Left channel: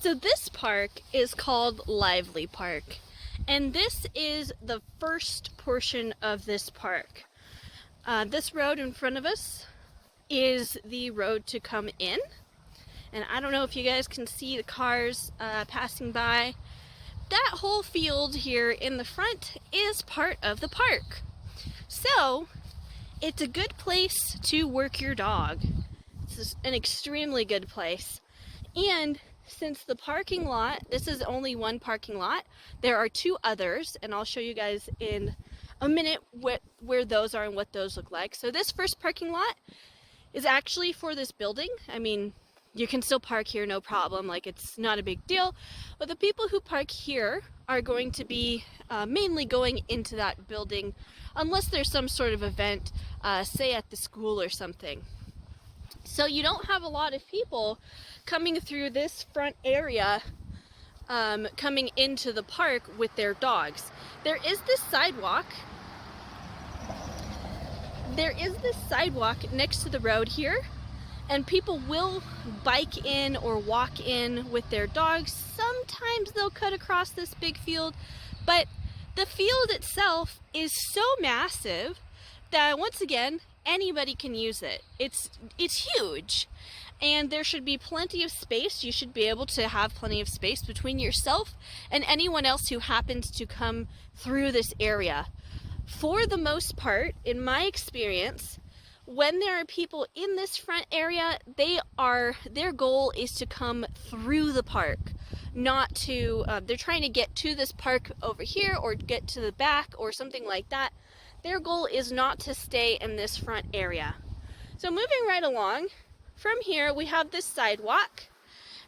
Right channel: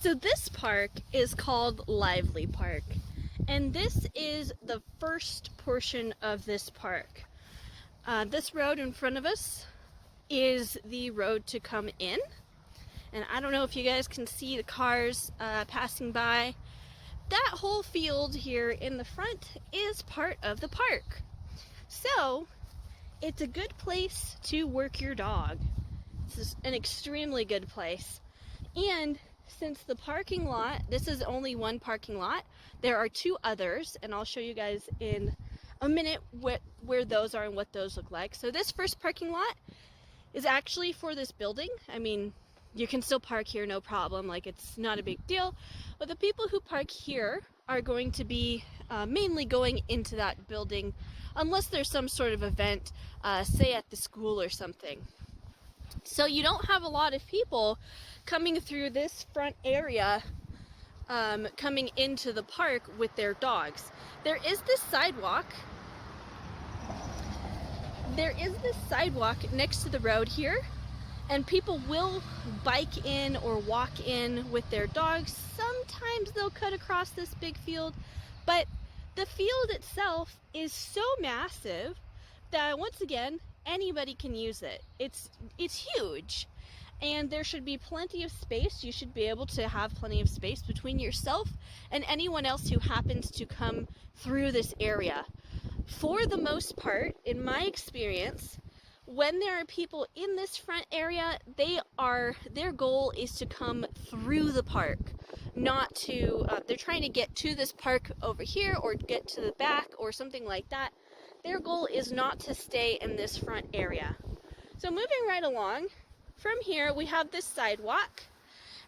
So this park is called Lively Park, and this is the first portion of this park. This road in front of us is the road to come in, and I don't know if you guys can see the cars passing by. That whole field here in the front is part of the park. So it's a good place to work your dog. It's an extremely good place. And since the parking lot, this is only one parking lot, there are two others, and I'll show you guys in a minute where those are and what those look like. So this first parking lot is actually for this building. I mean, you can still park here, no problem, like it's not a big deal. But the people who park here are going to be mainly going into that building unless there's some sort of event, say at the school or something. So you don't have a lot of people coming through this front area, coming into the park with their dogs. There is this sidewalk. There is this sidewalk next to the road here, and people will bike in or walk in with their dogs. Sometimes they'll cut across this big field, but the field itself is so massive that, once again, anybody can use it. It's huge, and there should be plenty of space. You should be able to have plenty of space between yourself and anyone else who happens to come through this area. For the most part, in my experience, when there are people in this front area, their goal is to come through the park, not to, they're trying to get to this park over here or get to the back or something like that. Their goal is not to stay in this front area. So moving right along, from here we have this sidewalk,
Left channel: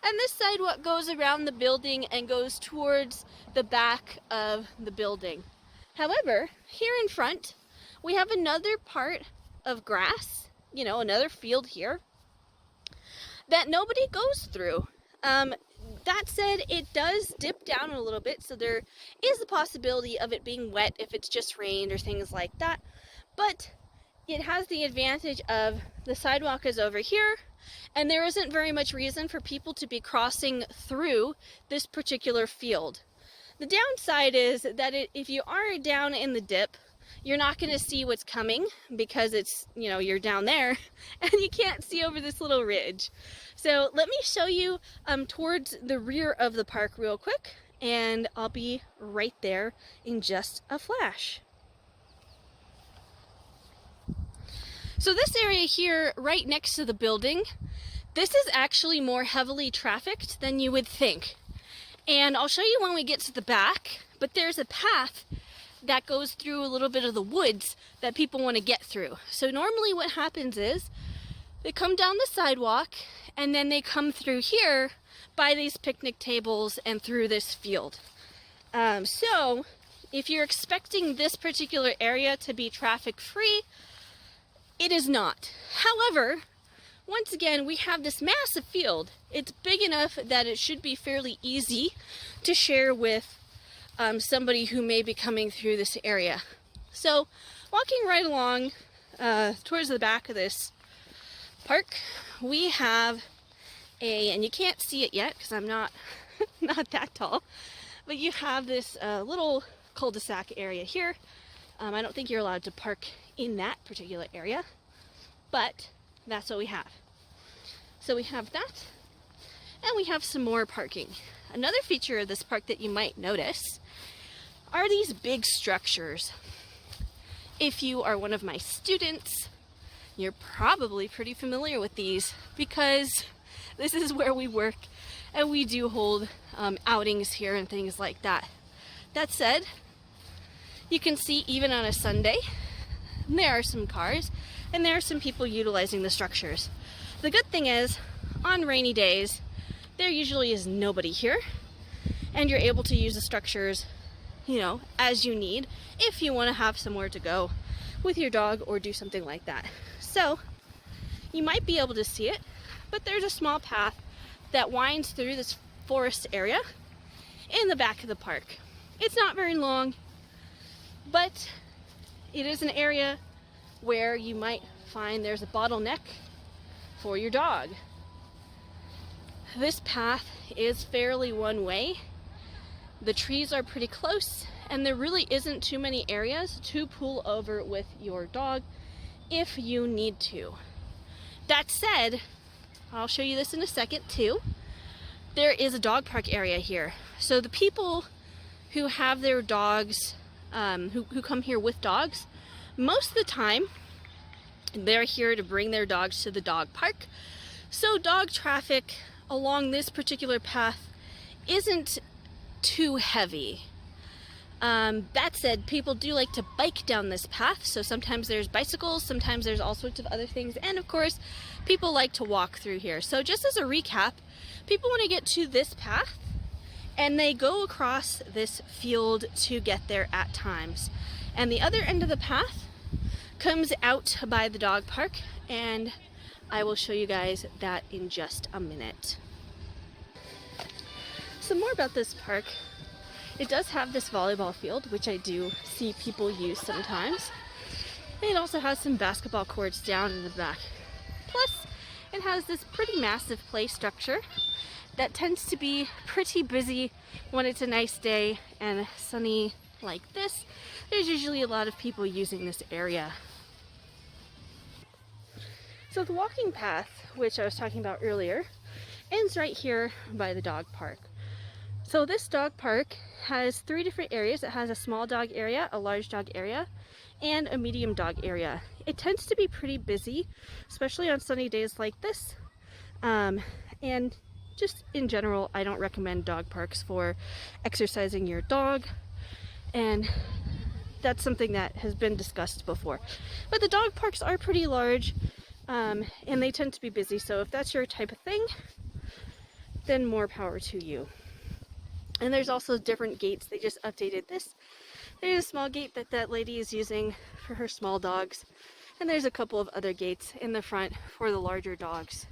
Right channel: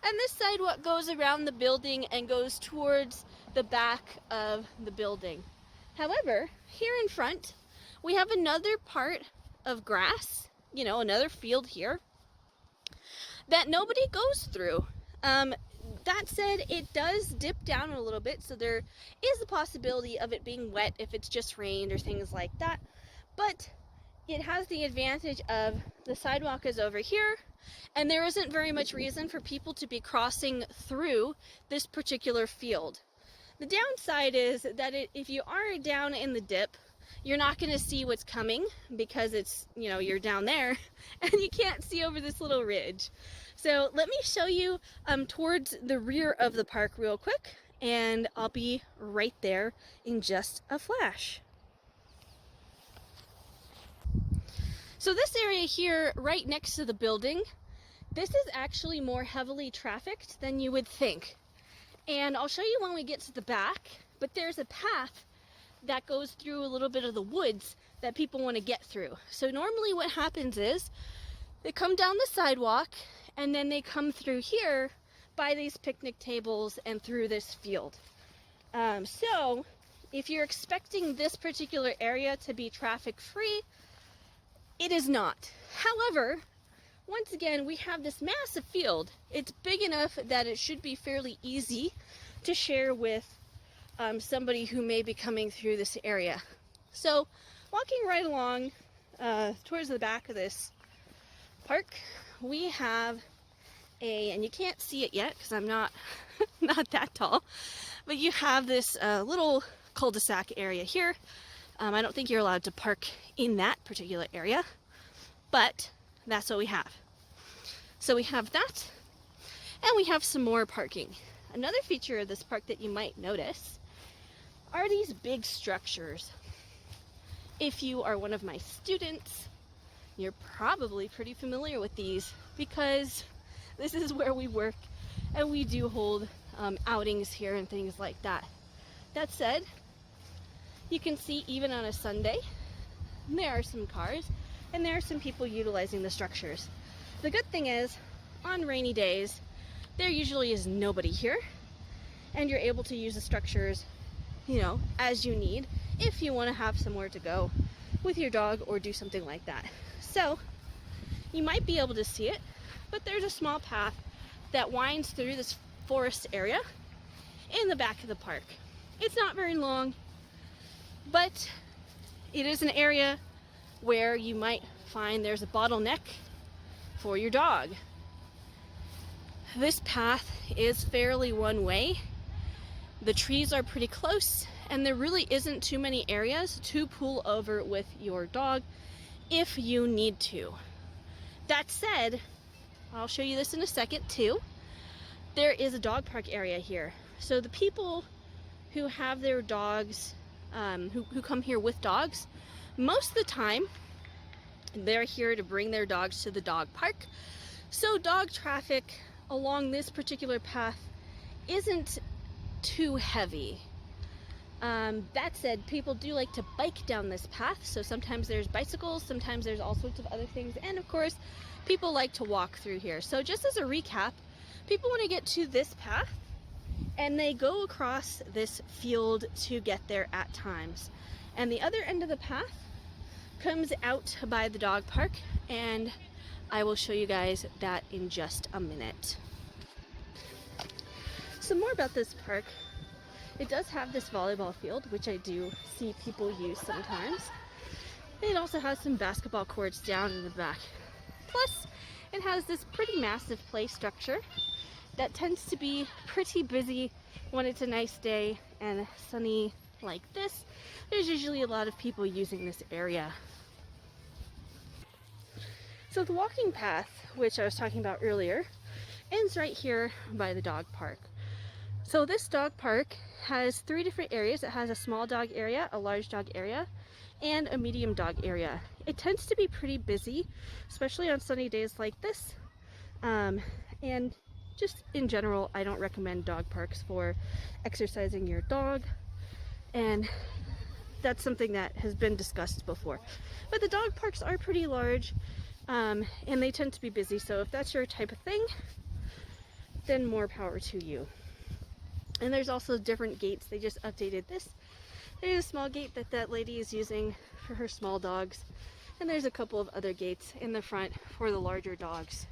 and this sidewalk goes around the building and goes towards the back of the building. However, here in front, we have another part of grass, another field here, that nobody goes through. That said, it does dip down a little bit, so there is the possibility of it being wet if it's just rained or things like that. But it has the advantage of the sidewalk is over here, and there isn't very much reason for people to be crossing through this particular field. The downside is that if you are down in the dip, you're not going to see what's coming because it's, you're down there and you can't see over this little ridge. So let me show you towards the rear of the park real quick, and I'll be right there in just a flash. So this area here, right next to the building, this is actually more heavily trafficked than you would think. And I'll show you when we get to the back, but there's a path that goes through a little bit of the woods that people want to get through. So normally what happens is they come down the sidewalk and then they come through here by these picnic tables and through this field. So if you're expecting this particular area to be traffic free, it is not. However, once again, we have this massive field. It's big enough that it should be fairly easy to share with somebody who may be coming through this area. So walking right along towards the back of this park, we have and you can't see it yet because I'm not that tall, but you have this little cul-de-sac area here. I don't think you're allowed to park in that particular area, but that's what we have. So we have that, and we have some more parking. Another feature of this park that you might notice are these big structures. If you are one of my students, you're probably pretty familiar with these because this is where we work and we do hold outings here and things like that. That said, you can see even on a Sunday, there are some cars and there are some people utilizing the structures. The good thing is, on rainy days, there usually is nobody here, and you're able to use the structures, as you need, if you want to have somewhere to go with your dog or do something like that. So, you might be able to see it, but there's a small path that winds through this forest area in the back of the park. It's not very long, but it is an area where you might find there's a bottleneck for your dog. this path is fairly one way. The trees are pretty close, and there really isn't too many areas to pull over with your dog if you need to. That said, I'll show you this in a second too. There is a dog park area here. So the people who have their dogs, who come here with dogs, most of the time they're here to bring their dogs to the dog park. So dog traffic along this particular path isn't too heavy. That said, people do like to bike down this path, so sometimes there's bicycles, sometimes there's all sorts of other things, and of course people like to walk through here. So just as a recap, people want to get to this path and they go across this field to get there at times, and the other end of the path comes out by the dog park, and I will show you guys that in just a minute. Some more about this park. It does have this volleyball field, which I do see people use sometimes. It also has some basketball courts down in the back. Plus, it has this pretty massive play structure that tends to be pretty busy when it's a nice day and sunny like this. There's usually a lot of people using this area. So the walking path, which I was talking about earlier, ends right here by the dog park. So this dog park has 3 different areas. It has a small dog area, a large dog area, and a medium dog area. It tends to be pretty busy, especially on sunny days like this. And just in general, I don't recommend dog parks for exercising your dog. And that's something that has been discussed before. But the dog parks are pretty large, and they tend to be busy. So if that's your type of thing, then more power to you. And there's also different gates. They just updated this. There's a small gate that that lady is using for her small dogs. And there's a couple of other gates in the front for the larger dogs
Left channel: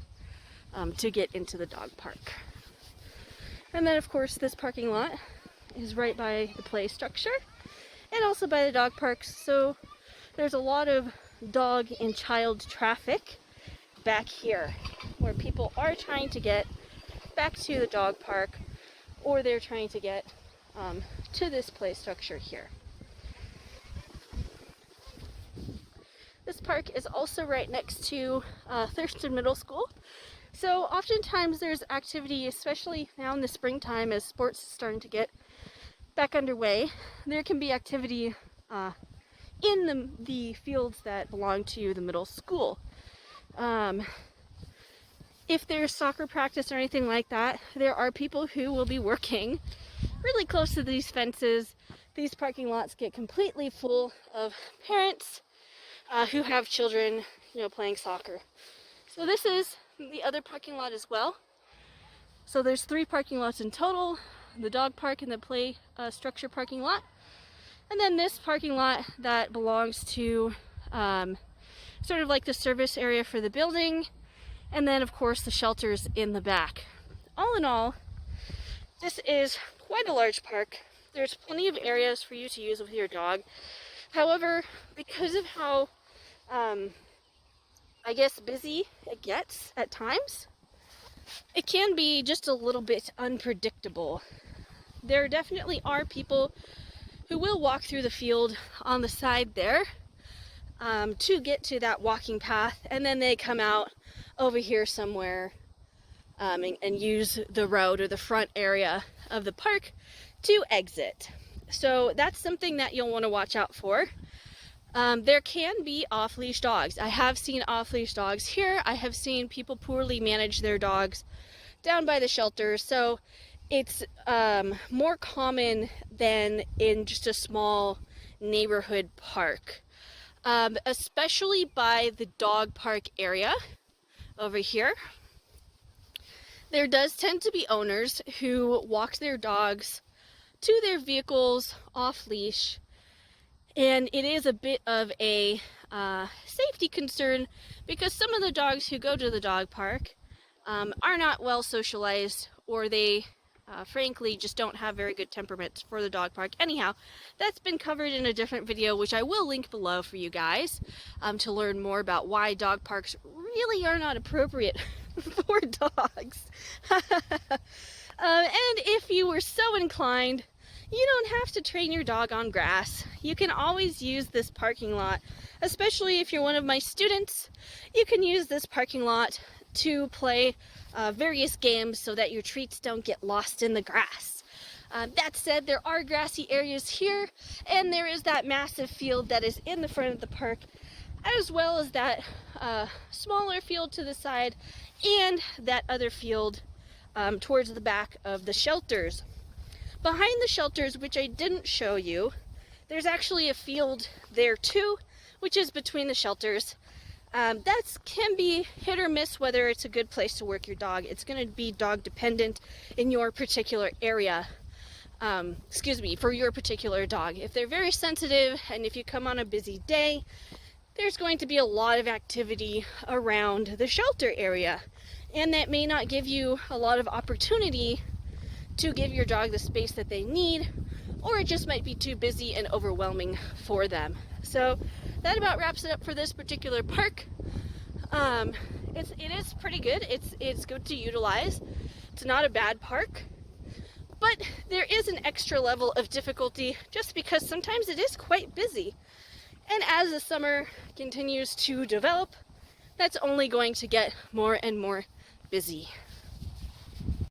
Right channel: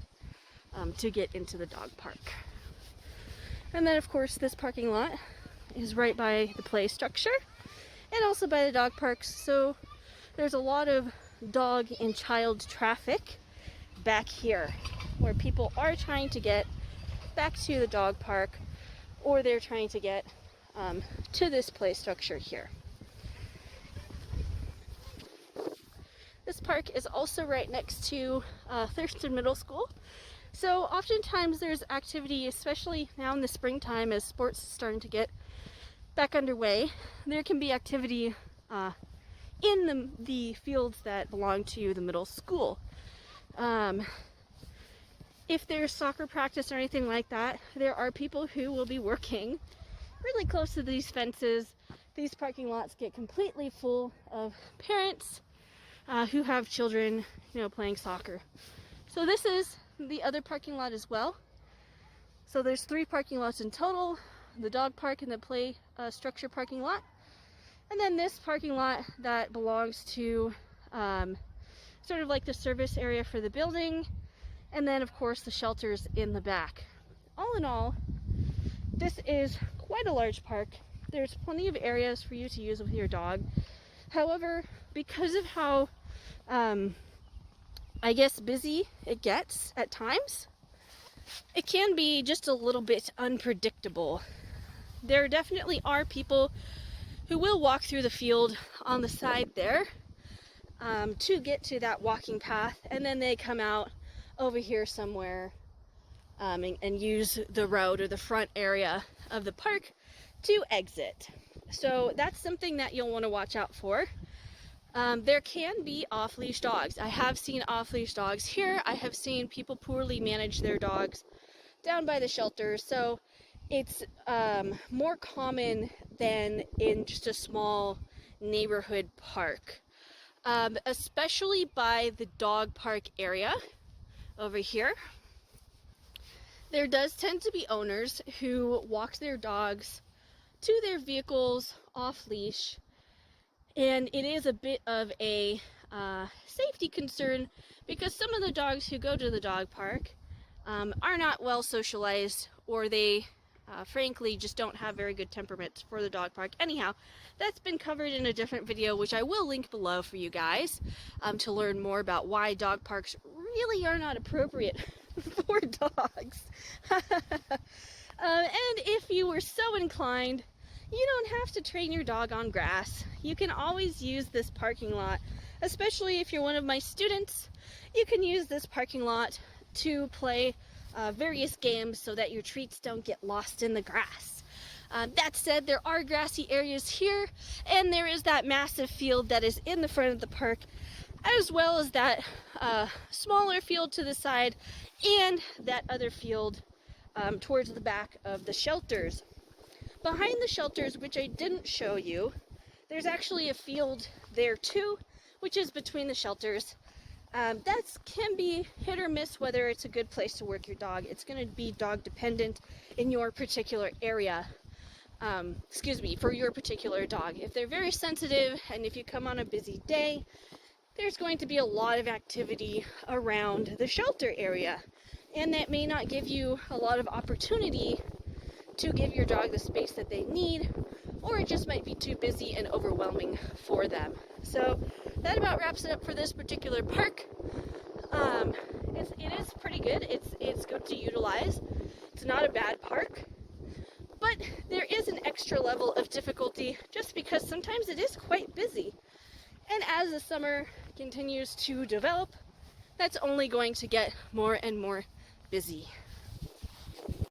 to get into the dog park. And then of course this parking lot is right by the play structure and also by the dog parks. So there's a lot of dog and child traffic back here where people are trying to get back to the dog park, or they're trying to get to this play structure here. This park is also right next to Thurston Middle School. So oftentimes there's activity, especially now in the springtime as sports are starting to get back underway. There can be activity in the fields that belong to the middle school. If there's soccer practice or anything like that, there are people who will be working really close to these fences. These parking lots get completely full of parents who have children, playing soccer. So this is the other parking lot as well. So there's 3 parking lots in total: the dog park and the play structure parking lot, and then this parking lot that belongs to sort of like the service area for the building. And then, of course, the shelters in the back. All in all, this is quite a large park. There's plenty of areas for you to use with your dog. However, because of how, I guess, busy it gets at times, it can be just a little bit unpredictable. There definitely are people who will walk through the field on the side there to get to that walking path, and then they come out over here somewhere and use the road or the front area of the park to exit. So that's something that you'll want to watch out for. There can be off-leash dogs. I have seen off-leash dogs here. I have seen people poorly manage their dogs down by the shelters. So it's more common than in just a small neighborhood park, especially by the dog park area. Over here, there does tend to be owners who walk their dogs to their vehicles off leash, and it is a bit of a safety concern because some of the dogs who go to the dog park are not well socialized, or they frankly just don't have very good temperament for the dog park. Anyhow, that's been covered in a different video, which I will link below for you guys to learn more about why dog parks really are not appropriate for dogs. And if you were so inclined, you don't have to train your dog on grass. You can always use this parking lot, especially if you're one of my students. You can use this parking lot to play various games so that your treats don't get lost in the grass. That said, there are grassy areas here, and there is that massive field that is in the front of the park, as well as that smaller field to the side and that other field towards the back of the shelters. Behind the shelters, which I didn't show you, there's actually a field there too, which is between the shelters. That can be hit or miss whether it's a good place to work your dog. It's going to be dog dependent in your particular area. For your particular dog. If they're very sensitive and if you come on a busy day, there's going to be a lot of activity around the shelter area, and that may not give you a lot of opportunity to give your dog the space that they need, or it just might be too busy and overwhelming for them. So that about wraps it up for this particular park. It is pretty good. It's good to utilize. It's not a bad park, but there is an extra level of difficulty just because sometimes it is quite busy. And as the summer continues to develop, that's only going to get more and more busy.